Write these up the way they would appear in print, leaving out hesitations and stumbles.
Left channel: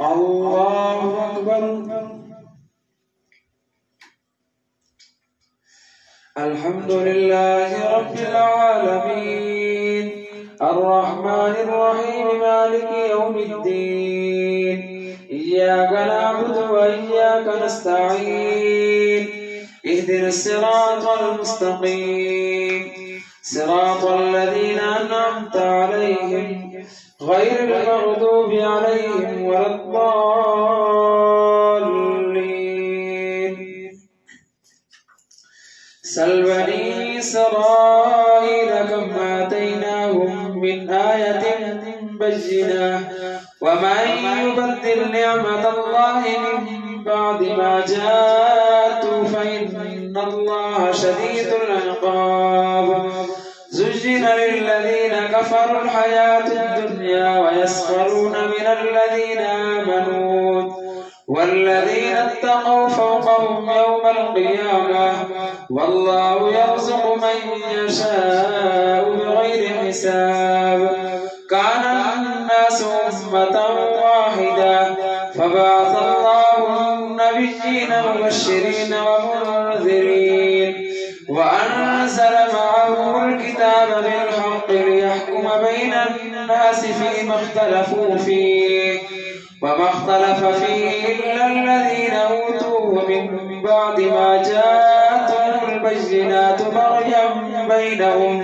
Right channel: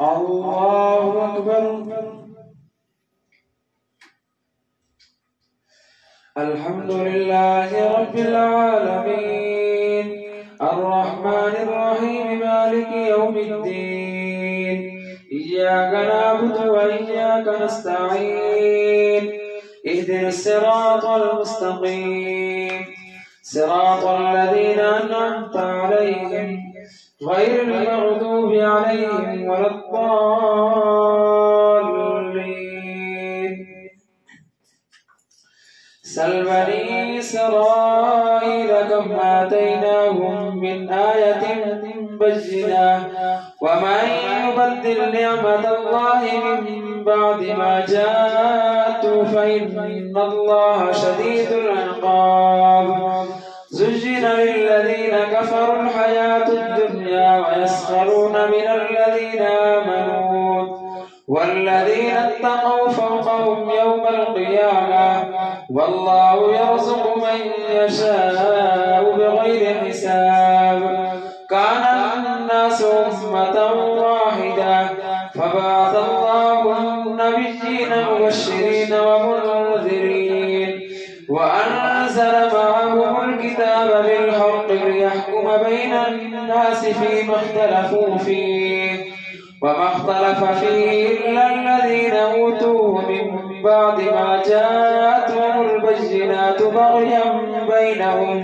الله أكبر. الحمد لله رب العالمين الرحمن الرحيم مالك يوم الدين إياك نعبد وإياك نستعين اهدنا الصراط المستقيم صراط الذين أنعمت عليهم غير المغضوب عليهم ولا الضالين. سل بني إسرائيل كم آتيناهم من آية بينة ومن يبدل نعمة الله من بعد ما جاءته فإن الله شديد العقاب. زين للذين كفروا الحياة الدنيا ويسخرون من الذين آمنوا والذين اتقوا فوقهم يوم القيامة والله يرزق من يشاء بغير حساب. كان الناس أمة واحدة فبعث الله النبيين مبشرين ومنذرين وأنزل معهم الكتاب بالحق ليحكم بين الناس فيما اختلفوا فيه وما اختلف فيه إلا الذين أوتوه من بعد ما جاءتهم البينات بغيا بينهم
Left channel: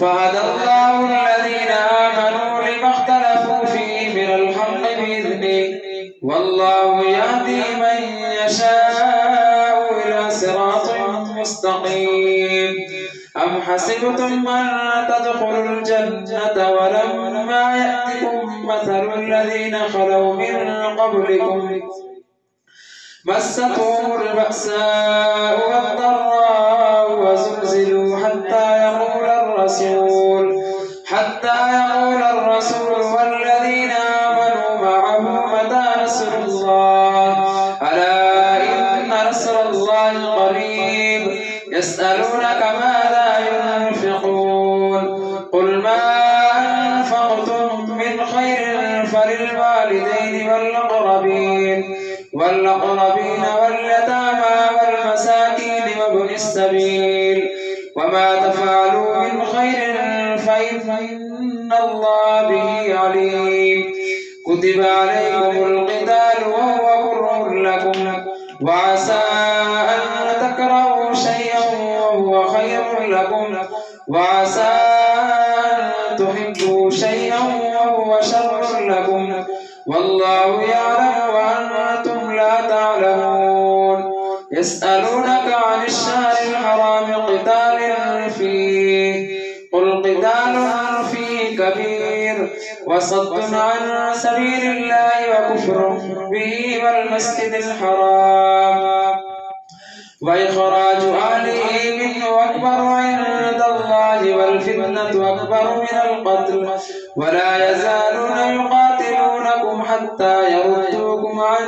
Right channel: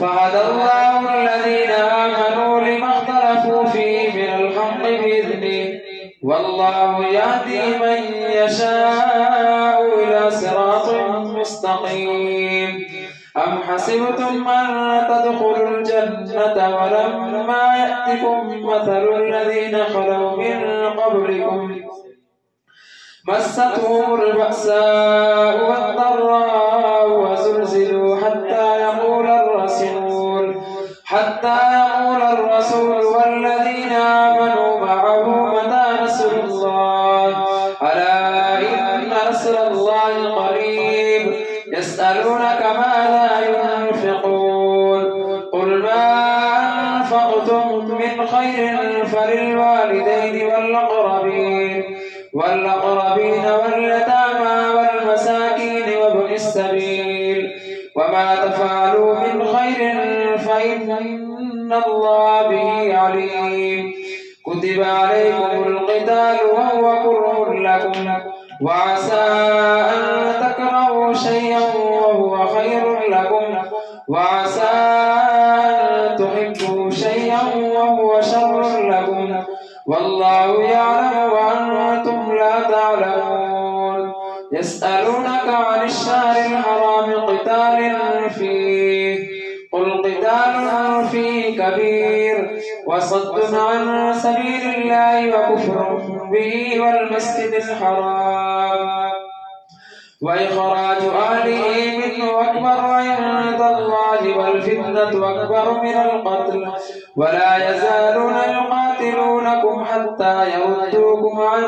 فهدى الله الذين آمنوا لما اختلفوا فيه من الحق بإذنه والله يهدي من يشاء إلى صراط مستقيم. أم حسبتم أن تدخلوا الجنة ولما يأتكم مثل الذين خلوا من قبلكم مستهم البأساء والضراء وزلزلوا حتى يقول الرسول والذين آمنوا معه متى نصر الله ألا إن نصر الله قريب. يسألونك ماذا ينفقون قل ما أنفقتم من خير فللوالدين والأقربين واليتامى والمساكين وابن السبيل وما تفعلوا من خير فإن الله به عليم. كتب عليكم القتال وهو كره لكم وعسى أن تكرهوا شيئا وهو خير لكم وعسى أن تحبوا شيئا وهو شر لكم والله يعلم وأنتم لا تعلمون. يسألونك عن الشهر الحرام قتال فيه قل قتال فيه كبير وصد عن سبيل الله وكفر به والمسجد الحرام وإخراج أهله منه أكبر عند الله والفتنة أكبر من القتل ولا يزالون يقاتلونكم حتى يردوكم عن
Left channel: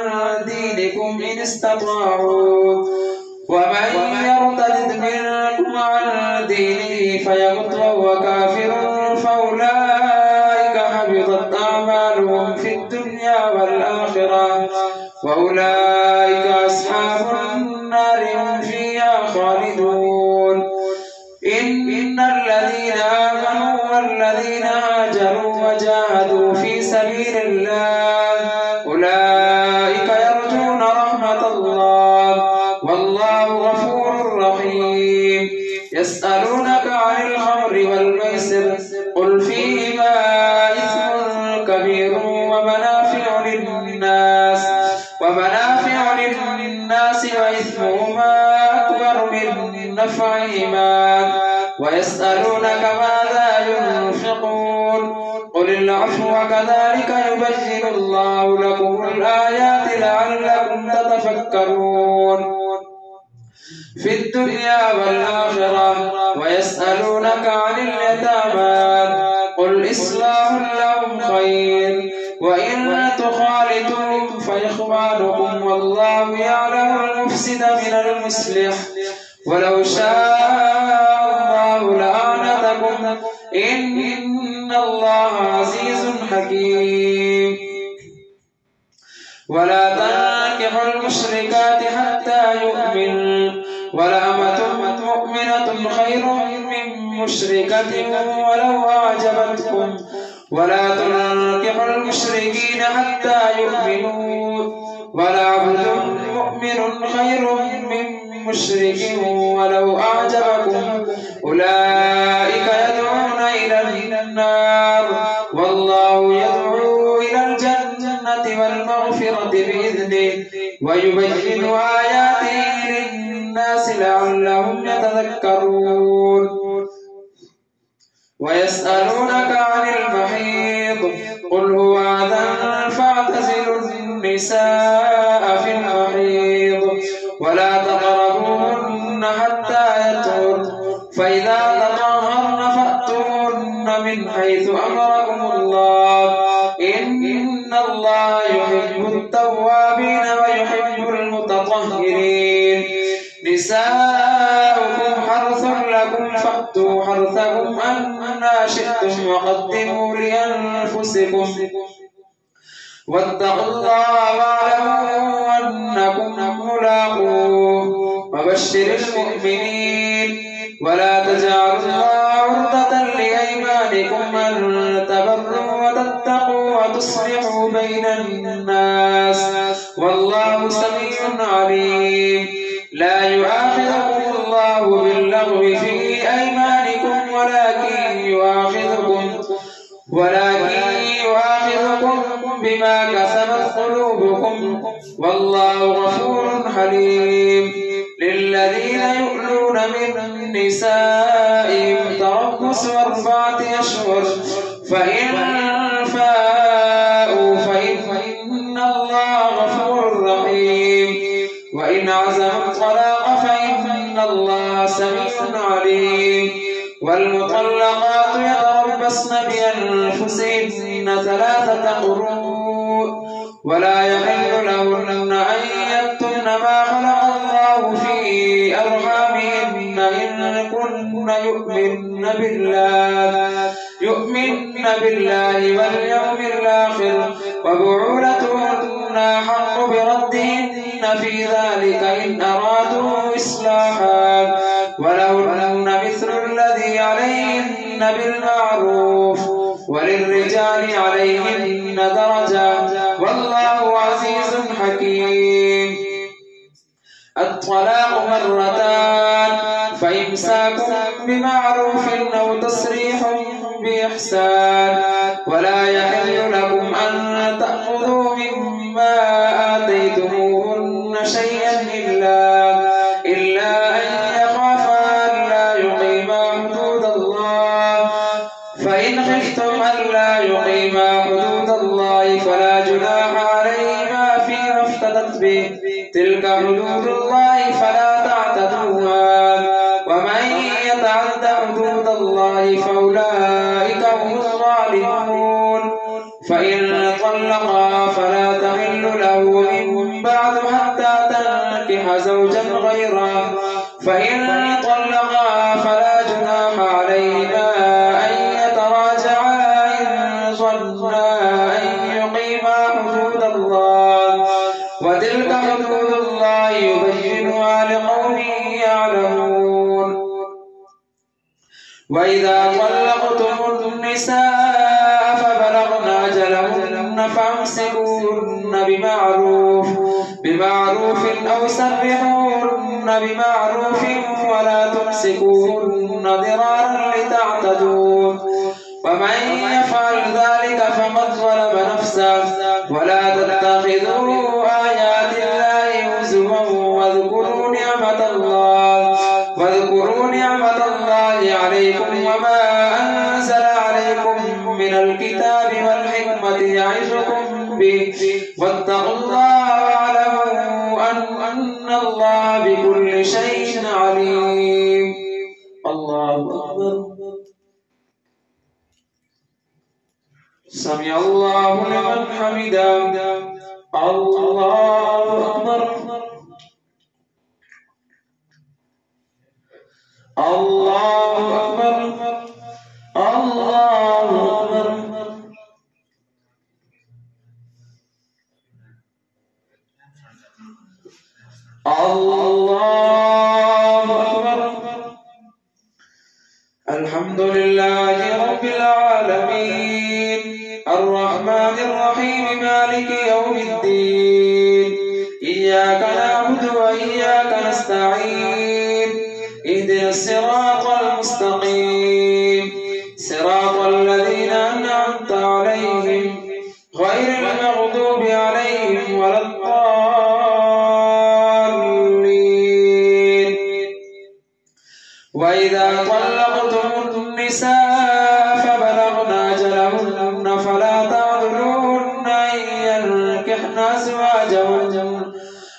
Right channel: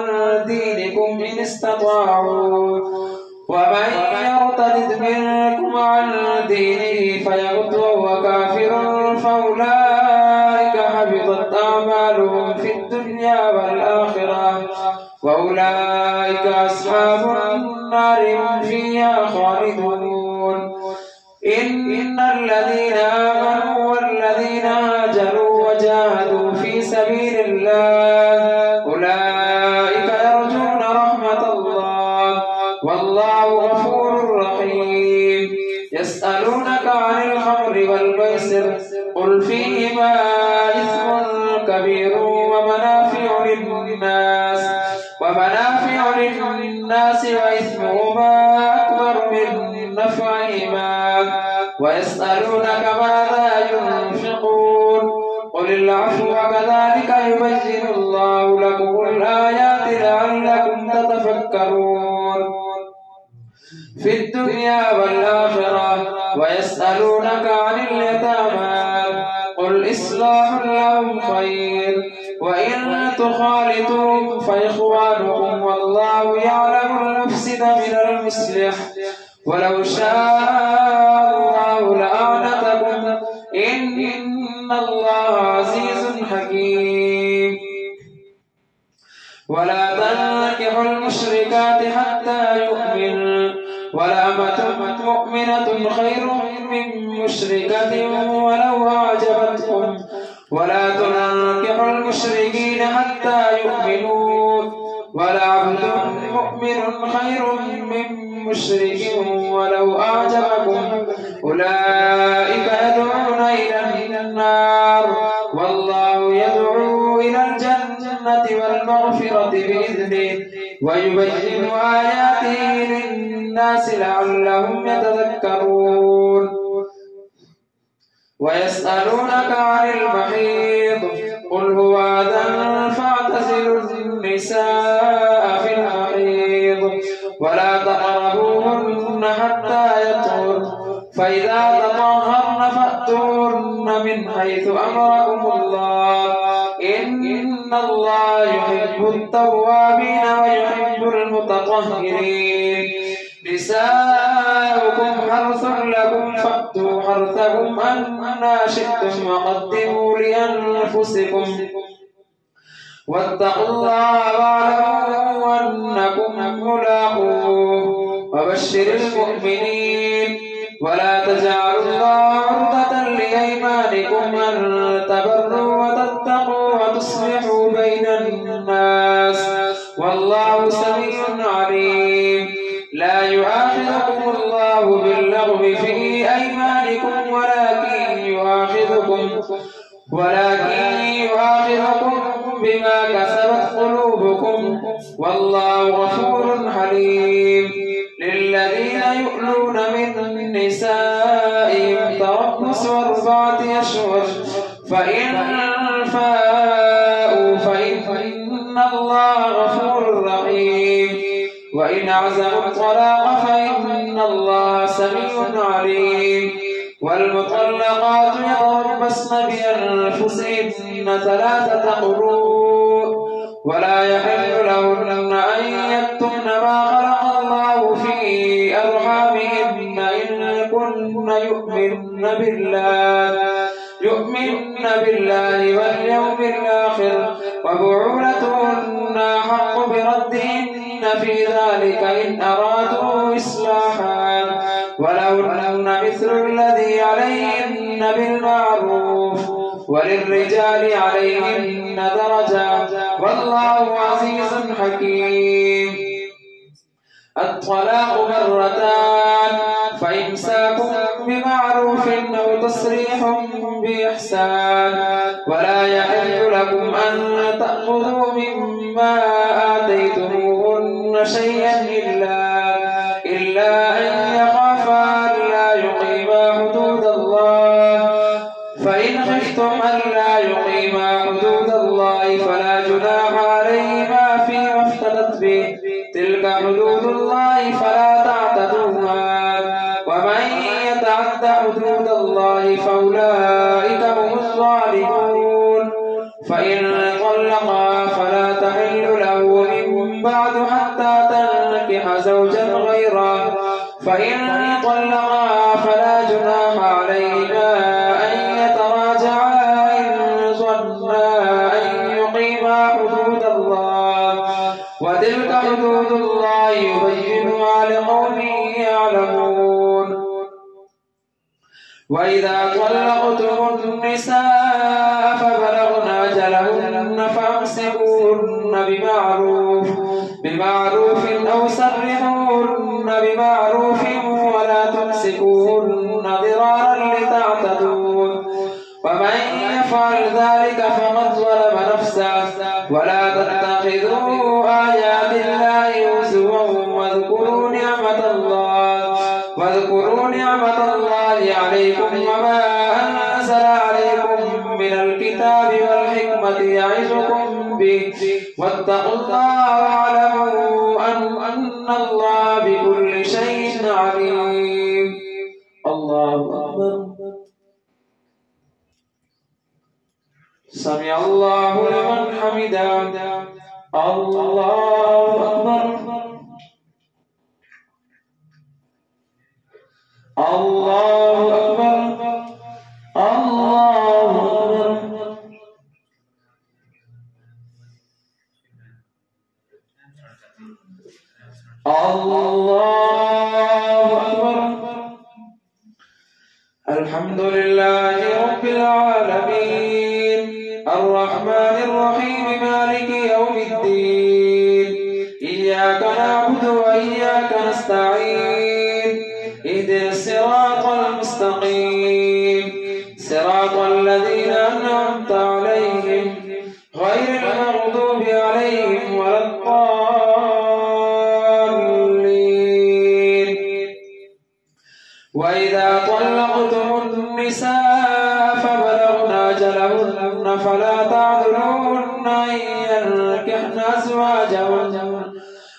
دينكم إن استطاعوا ومن يرتد منكم عن دينه فيمت وهو كافر فأولئك حبطت أعمالهم في الدنيا والآخرة وأولئك أصحاب النار هم فيها خالدون. إن الذين آمنوا والذين هاجروا وجاهدوا في سبيل الله أولئك يرجون رحمة الله والله غفور رحيم. يسألونك عن الخمر والميسر قل فيهما إثم كبير ومنافع للناس وإثمهما أكبر من نفعهما ويسألونك ماذا ينفقون قل العفو وكذلك يبين الله لكم الآيات لعلكم تتفكرون في الدنيا والآخرة. ويسألونك عن اليتامى قل إصلاح لهم خير وإن تخالطوهم فإخوانكم والله يعلم المفسد من المصلح ولو شاء الله لأعنتكم إن الله عزيز حكيم. ولا تنكحوا المشركات حتى يؤمنوا ولأمة مؤمنة خير من مشركة ولو أعجبتكم ولا تنكحوا المشركين حتى يؤمنوا ولعبد مؤمن خير من مشرك ولو أعجبكم أولئك يدعون إلى النار والله يدعو إلى الجنة والمغفرة بإذنه ويبين آياته للناس لعلهم يتذكرون ويسألونك عن المحيض قل هو أذى فاعتزلوا النساء في المحيض ولا تقربوهن حتى يطهرن فإذا تطهرن فأتوهن من حيث أمركم الله إن الله يحب التوابين ويحب المتطهرين نساؤكم حرث لكم فأتوا حرثكم أنى شئتم وقدموا لأنفسكم واتقوا الله واعلموا أنكم ملاقوه وبشر المؤمنين ولا تجعلوا الله عرضة لأيمانكم أن تبروا وتتقوا وتصلحوا بين الناس والله سميع عليم لا يؤاخذكم الله باللغو في أيمانكم ولكن يؤاخذكم بما كسبت قلوبكم والله غفور حليم للذين يؤلون من نسائهم تربص 4 أشهر فإن فاءوا فإن الله غفور رحيم وإن عزموا الطلاق فإن الله سميع عليم والمطلقات يتربصن بأنفسهن 3 قروء ولا يحل لهن أن يكتمن ما خلق الله في أرحامهن إن كن يؤمن بالله واليوم الآخر وبعولتهن أحق بردهن في ذلك إن أرادوا إصلاحا ولهن مثل الذي عليهن بالمعروف وللرجال عليهن درجة والله عزيز حكيم الطلاق 2 فإمساك بمعروف أو تسريح بإحسان ولا يحل لكم أن تأخذوا مما آتيتموهن شيئا إلا أن يخافا ألا يقيما حدود الله فإن خفتم ألا يقيما حدود الله فلا جناح عليهما فيما افتدت به تلك حدود الله فلا تعتدوها ومن يتعد حدود الله فأولئك هم الظالمون فإن طلقا فلا تحل له من بعد حتى تنكح زوجا غيره فإن طلقا فلا جناح عليهما أن يتراجعا إن ظنا أن يقيما حدود الله وتلك حدود الله يبينها لقوم يعلمون وإذا طلقتم النساء فبلغن أجلهن فامسكوهن بمعروف أو سرحوهن بمعروف ولا تمسكوهن ضرارا لتعتدوا ومن يفعل ذلك فقد ظلم نفسه ولا تتخذوا آيات الله هزوا واذكروا نعمة الله عليكم وما أنزل عليكم من الكتاب والحكمة يعظكم به واتقوا الله واعلموا أن الله بكل شيء عليم الله أكبر سمع الله لمن حمده الله أكبر الله أكبر الله أكبر الله أكبر. الحمد لله رب العالمين الرحمن الرحيم مالك يوم الدين إياك نعبد وإياك نستعين اهدنا الصراط المستقيم صراط الذين أنعمت عليهم غير المغضوب عليهم ولا الضالين. وإذا طلقتم النساء فبلغن أجلهن فلا تعذروهن أن ينكحن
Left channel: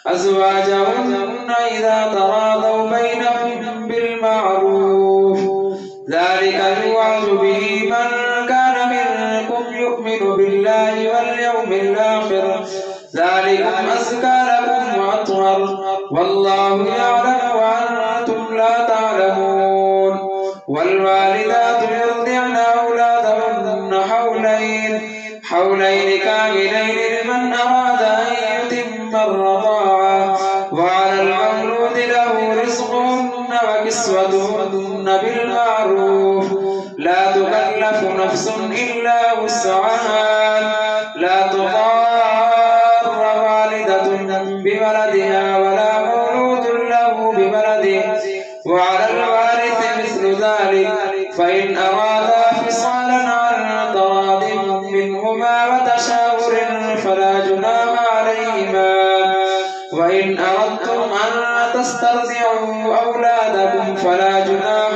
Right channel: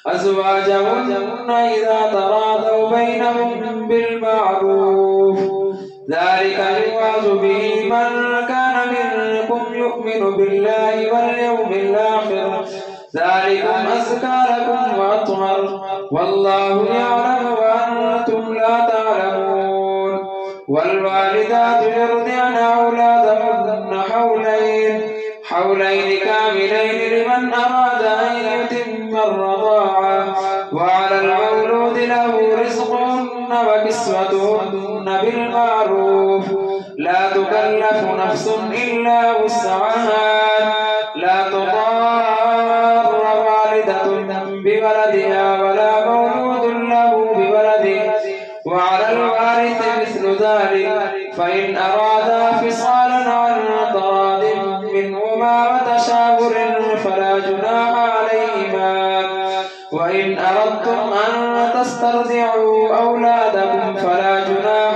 أزواجهن إذا تراضوا بينهم بالمعروف ذلك يوعظ به من كان منكم يؤمن بالله واليوم الآخر ذلكم أزكى لكم وأطهر والله يعلم وأنتم لا تعلمون. والوالدات يرضعن أولادهن حولين كاملين لمن أراد أن يتم الرضاعة وعلى المولود له رزقهن وكسوتهن بالمعروف لا تكلف نفس إلا وسعها لا تضار والدة بولدها ولا مولود له بولده وعلى الوارث مثل ذلك فإن أرادا فصالا عن تراض منهما وتشاور فلا جناح عليهما. وإن أردتم أن تسترضعوا أولادكم فلا جناح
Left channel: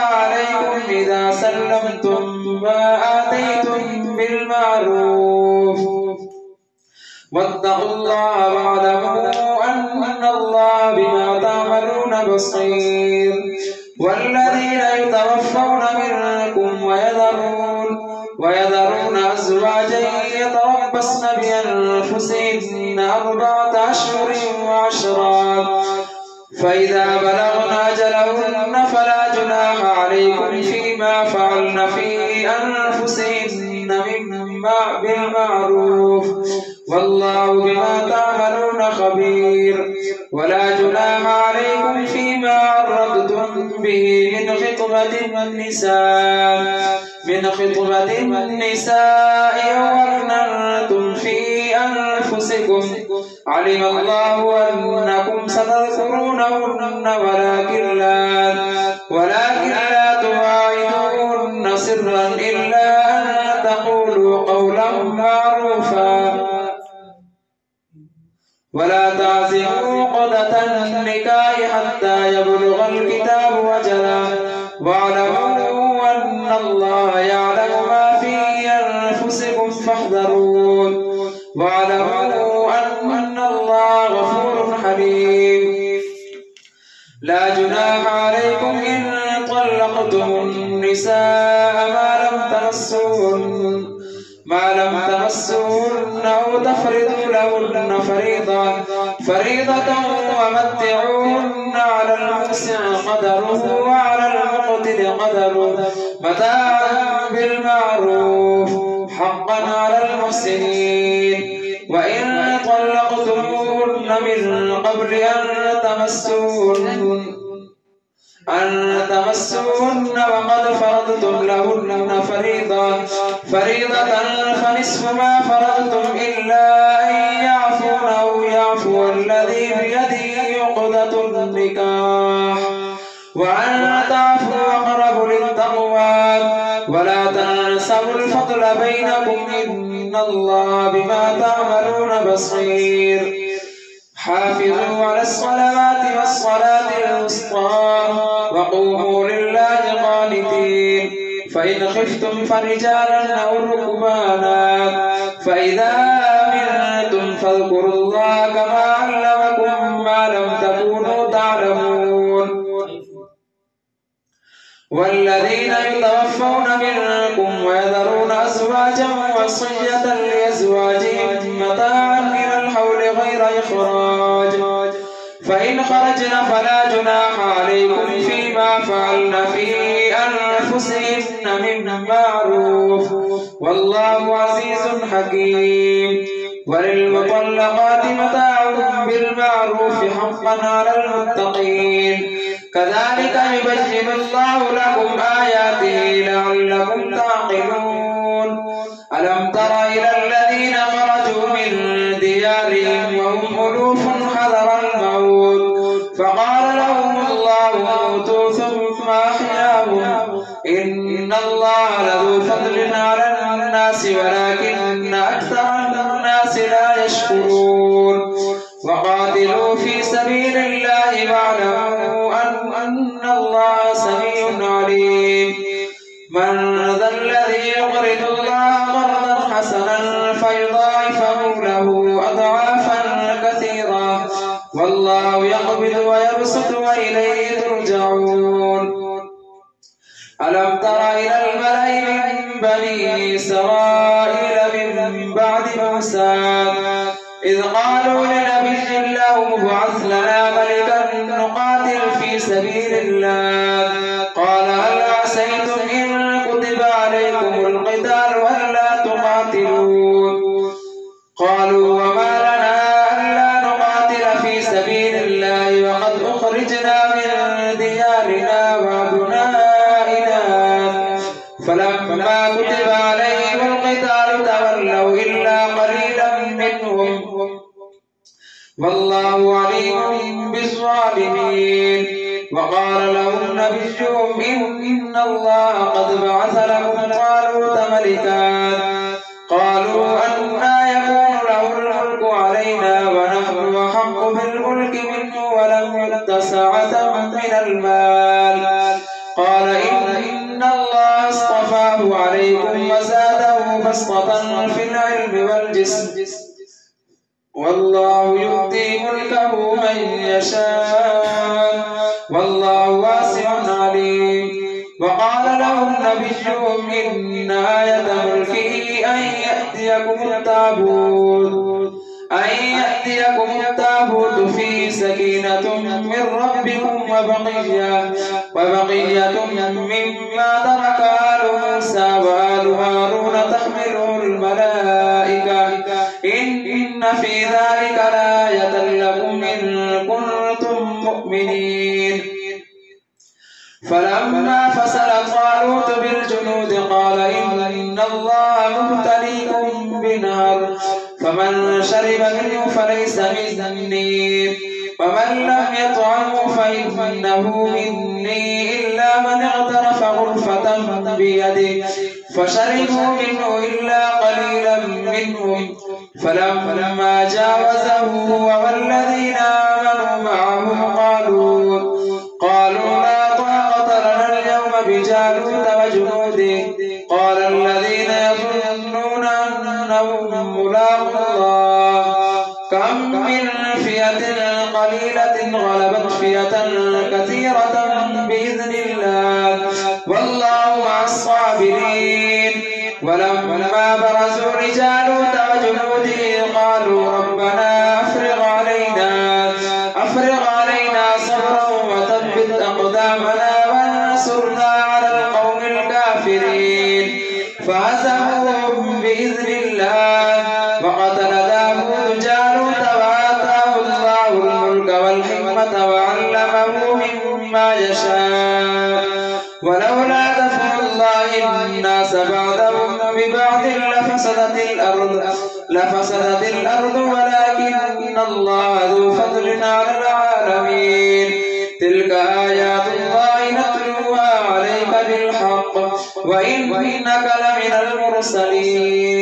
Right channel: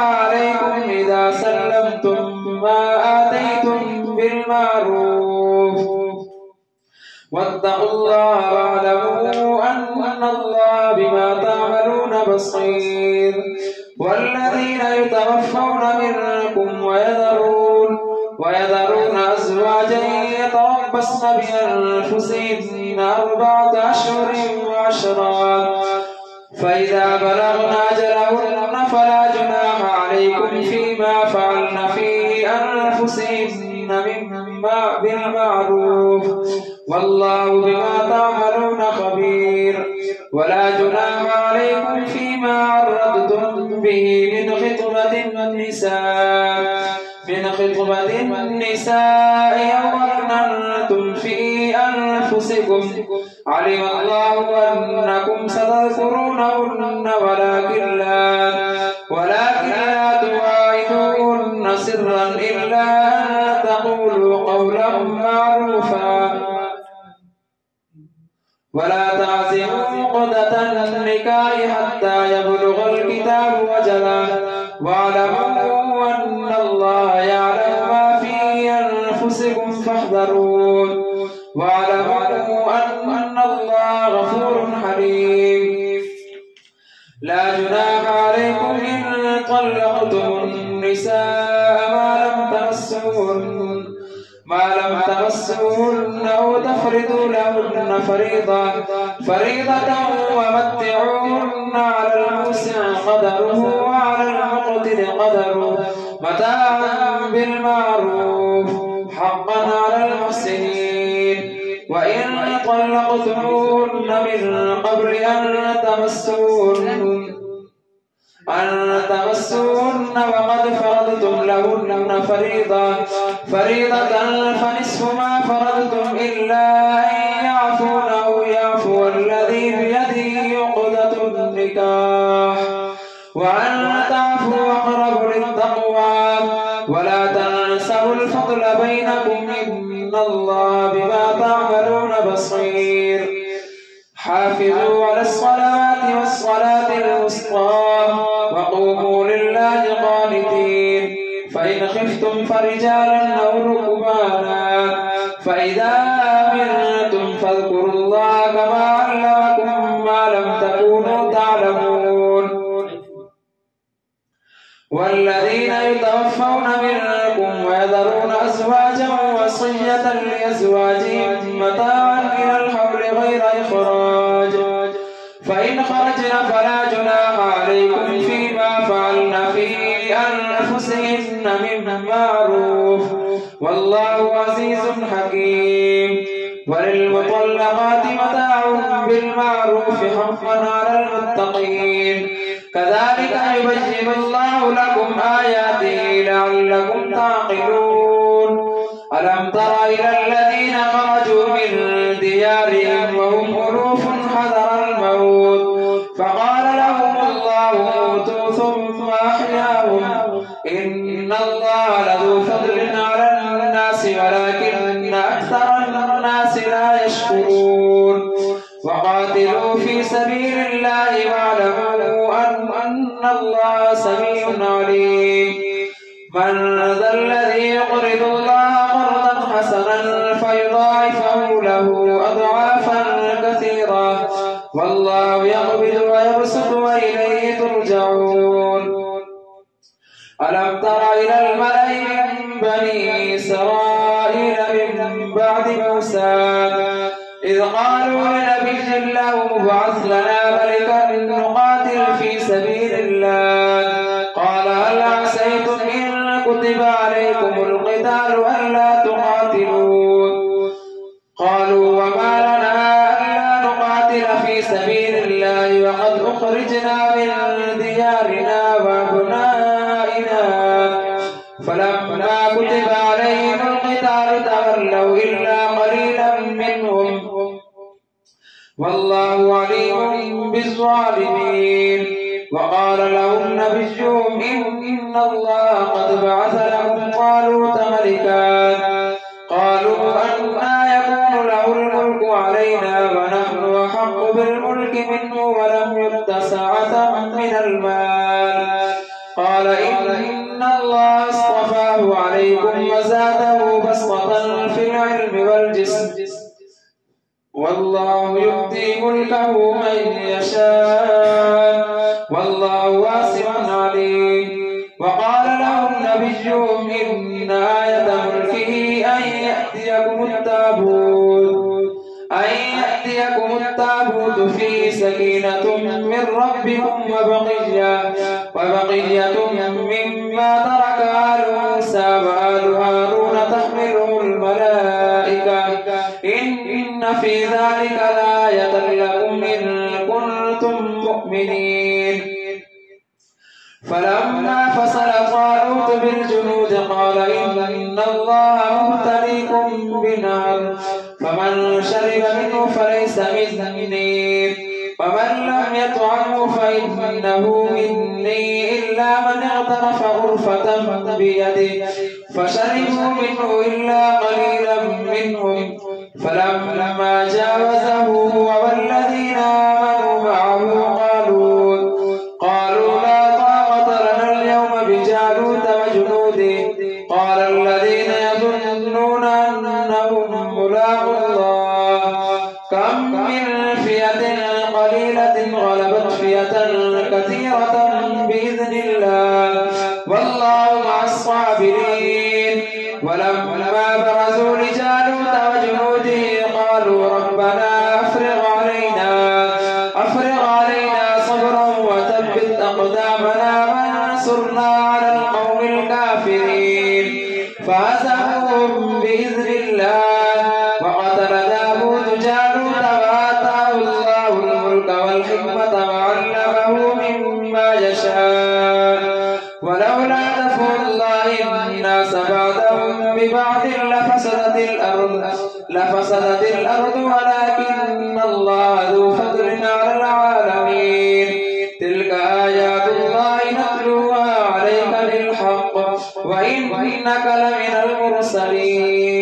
عليكم إذا سلمتم ما آتيتم بالمعروف واتقوا الله واعلموا أن الله بما تعملون بصير. والذين يتوفون منكم ويذرون أزواجا يتربصن بأنفسهن 4 أشهر وعشرا فإذا بلغن أجلهن فلا جناح عليكم فيما فعلن في أنفسهن بالمعروف والله بما تعملون خبير. ولا جناح عليكم فيما عرضتم به من خطبة النساء أو أكننتم في أنفسكم علم الله أنكم ستذكرونهن ولكن لا تواعدوهن سرا إلا أن تقولوا قولا معروفا ولا تعزموا عقدة النكاح حتى يبلغ الكتاب أجله واعلموا أن الله يعلم ما في أنفسكم فاحذرون واعلموا أن الله غفور حليم. لا جناح عليكم إن طلقتم النساء ما لم تمسوهن أو تفرضوا لهن فريضة ومتعوهن على الموسع قدره وعلى المقتر قدره متاعا بالمعروف حقا على المحسنين. وإن طلقتموهن من قبل أن تمسوهن وقد فرضتم لهن فريضة فنصف ما فرضتم إلا أن يعفون أو يعفو الذي بيده عقدة النكاح وأن تعفوا أقرب للتقوى ولا تنسوا الفضل بينكم إن الله بما تعملون بصير. حافظوا على الصلوات والصلاة الوسطى وقوموا لله قانتين. فإن خفتم فرجالا أو ركبانا فإذا أمنتم فاذكروا الله كما علمكم ما لم تكونوا تعلمون. والذين يتوفون منكم ويذرون أزواجا وصية لأزواجهم متاعا إلى الحول غير إخراج فإن خرجن فلا جناح عليكم فيما فعلن في أنفسهن من معروف والله عزيز حكيم. وللمطلقات متاع بالمعروف حقا على المتقين كذلك يبين الله لكم آياته لعلكم تعقلون ألم تر إلى الذين خرجوا من ديارهم وهم ألوف حذر الموت فقال لهم الله موتوا ثم أحياهم إن الله لذو فضل على الناس ولكن أكثر الناس لا يشكرون وقاتلوا في سبيل الله واعلموا أن الله سميع عليم من ذا الذي يقرض الله قرضا حسنا فيضاعفه له أضعافا كثيرة والله يقبض ويبسط وإليه ترجعون ألم تر إلى الملأ من بني إسرائيل من بعد موسى إذ قالوا لنبي له ابعث لنا ملكا نقاتل في سبيل الله قال هل عسيتم إن كتب عليكم القتال ألا تقاتلوا قالوا وما لنا ألا نقاتل في سبيل الله وقد أخرجنا من ديارنا وأبنائنا فلما كتب عليهم القتال تولوا إلا قليلا منهم والله عليم بالظالمين وقال لهم نبيهم إن الله قد بعث لكم طالوت ملكا قالوا أنى يكون له الملك علينا ونحن أحق بالملك منه ولم يؤت سعة من المال قال إن الله اصطفاه عليكم وزاده بسطة في العلم والجسم والله يؤتي ملكه من يشاء والله واسع عليم وقال لهم نبيهم إن آية ملكه أن يأتيكم التابوت فيه سكينة من ربكم وبقية مما ترك آل موسى وآل هارون تحمله الملائكة إن في ذلك لآية لكم إن كنتم مؤمنين فلما فصل طالوت بالجنود قال إن الله مبتليكم بنار فمن شرب منه فليس مني ومن لم يطعمه فإنه مني إلا من اغترف غرفة بيده فشربوا منه إلا قليلا منهم فلما جاوزه هو والذين آمنوا معه قالوا لا طاقة لنا اليوم بجالوت وجنوده قال الذين يظنون أنهم ملاقو الله كم من فئة قليلة غلبت فئة كثيرة بإذن الله والله مع الصابرين ولما برزوا لجالوت وجنوده قالوا ربنا أفرغ علينا صبرا وثبت أقدامنا وانصرنا على القوم الكافرين فهزموهم بإذن الله وقتل داود جالوت وآتاه الله الملك والحكمة وعلمه مما يشاء ولولا دفع الله الناس بعضهم ببعض لفسدت الأرض ولكن الله ذو فضل على العالمين تلك آيات الله نتلوها عليك بالحق وإنك لمن المرسلين